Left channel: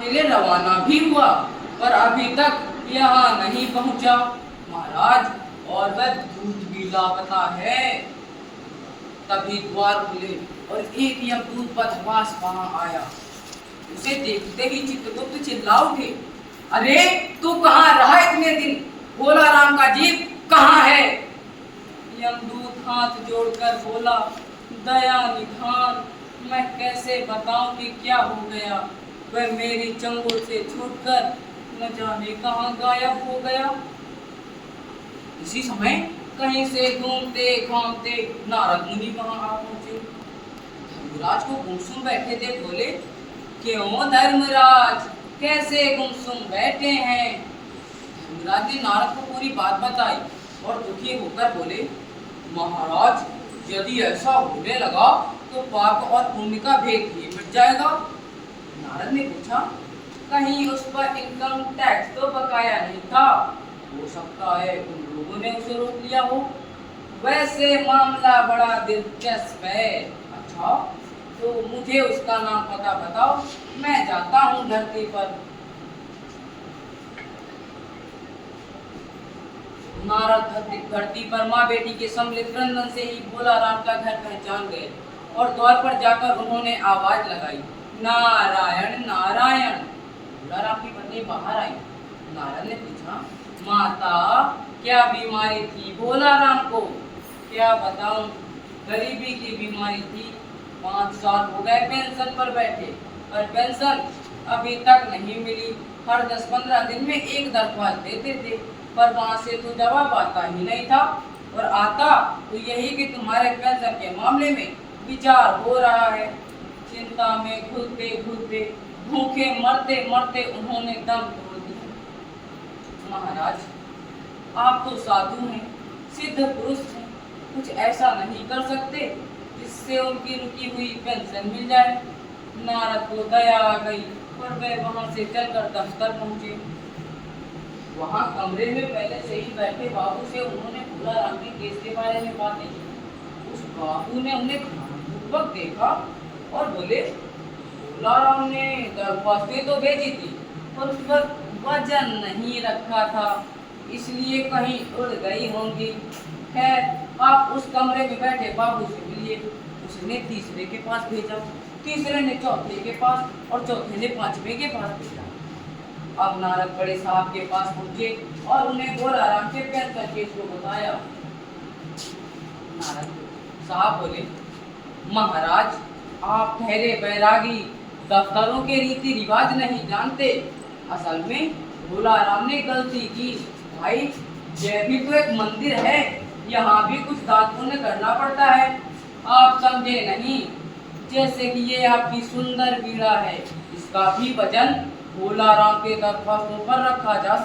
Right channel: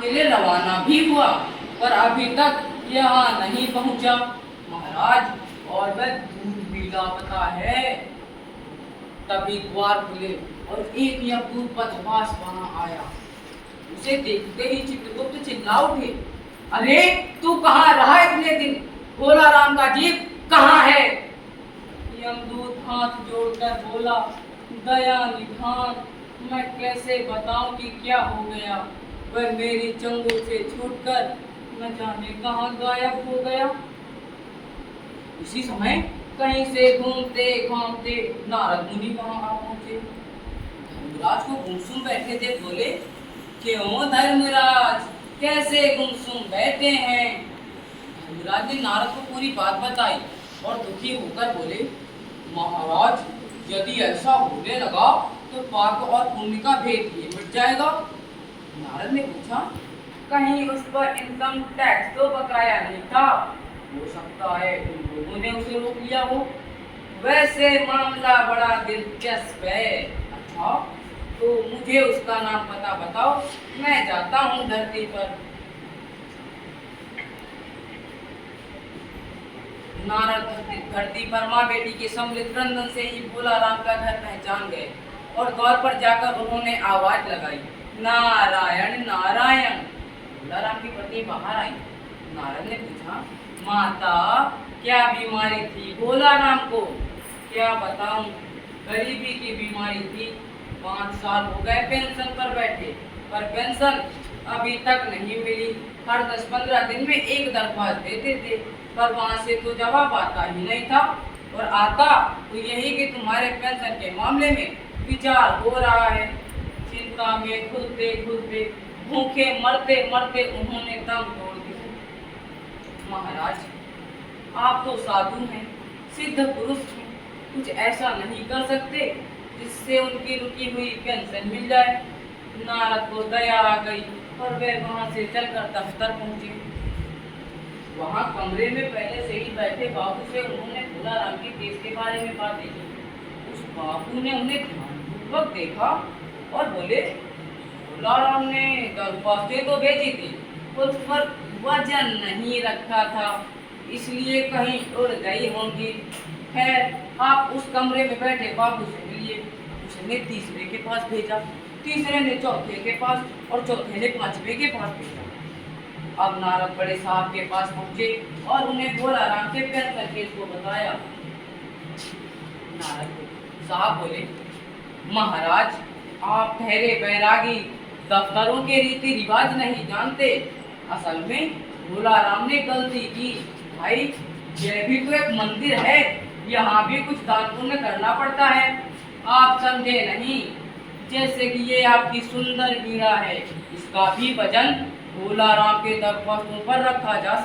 के लिए रवाना भी हुआ, पर अभी तक यहाँ नहीं पहुँचा महाराज, और वह दूध भी लापता है। तभी द्वार खुले और एक यमदूत बदमाश वहां आया। उसे देखते ही चित्रगुप्त चिल्ला उठे, अरे तू कहाँ रहा इतने दिन? भोला राम का जीव कहाँ है? यमदूत हाथ जोड़कर बोला, दया निधान, मैं कैसे बताऊं कि क्या हो गया। वह मेरी चंगुल से छूटकर न जाने कहाँ गायब हो गया। इसी समय कहीं से घूमते घामते नारद मुनि वहां आ पहुंचे। धर्मराज को गुमसुम बैठे देख बोले, क्यों धर्मराज, कैसे गुमसुम बैठे हैं? धर्मराज ने नारद को पूरी बात बताई और दुखी होकर बोले, महाराज, यदि ऐसा होने लगा तो पाप और पुण्य का भेद ही मिट जाएगा। नारद ने पूछा, कहीं उस पर इनकम टैक्स तो बकाया नहीं था? हो सकता है उन लोगों ने उसे रोक लिया हो। वैसे मामला बड़ा दिलचस्प है। अच्छा, तो मुझे उसका नाम पता बताओ, मैं जाता हूँ धरती पर। नारद धरती पर माँ बेटी के सम्मिलित क्रंदन से ही भोला राम का घर पहचान गए और द्वार पर जाकर उन्होंने आवाज लगाई, नारायण नारायण। भोला राम की पत्नी बाहर आई। नारद ने पूछा, माता, क्या बीमारी थी भोला राम को? क्या बताऊं, गरीबी की बीमारी थी। 5 साल हो गए पेंशन पर बैठे, पर पेंशन अभी तक नहीं मिली। हर 10-15 दिन में एक दरख्वास्त देते थे, पर वहां से तो जवाब आता ही नहीं था, और आता तो यही कि तुम्हारे पेंशन के मामले में विचार हो रहा है। चिंता में घुलते घुलते, भूखे मरते मरते उन्होंने दम तोड़ दिया। महाराज, आप तो साधु हैं, सिद्ध पुरुष हैं, कुछ ऐसा नहीं कर सकते जिससे उनकी रुकी हुई पेंशन मिल जाए? नारद को दया आ गई और वे वहां से चलकर दफ्तर पहुंचे। वहां कमरे में पहले से ही बैठे बाबू से उन्होंने भोला राम के केस के बारे में बातें की। उस बाबू ने उन्हें ध्यानपूर्वक देखा और बोले, भोला राम ने दरख्वास्तें तो भेजी थी, पर उस पर वजन नहीं रखा था, इसलिए कहीं उड़ गई होंगी। खैर, आप उस कमरे में बैठे बाबू से मिलिए। उसने तीसरे के पास भेजा, तीसरे ने चौथे के पास और चौथे ने 5वें के पास भेजा। अब नारद बड़े साहब के पास पहुंचे और उन्हें भोला राम के पेंशन केस को बताया। नारद साहब बोले, महाराज, आप ठहरे बैरागी, दफ्तरों के रीति रिवाज नहीं जानते। असल में भोला राम ने गलती की। भाई, यह भी तो एक मंदिर है, यहाँ भी कुछ दान पुण्य करना पड़ता है। आप समझे नहीं, जैसे कि ये आपकी सुंदर वीणा है, इसका भी वजन भोला राम के दरख्वास्तों पर रखा जा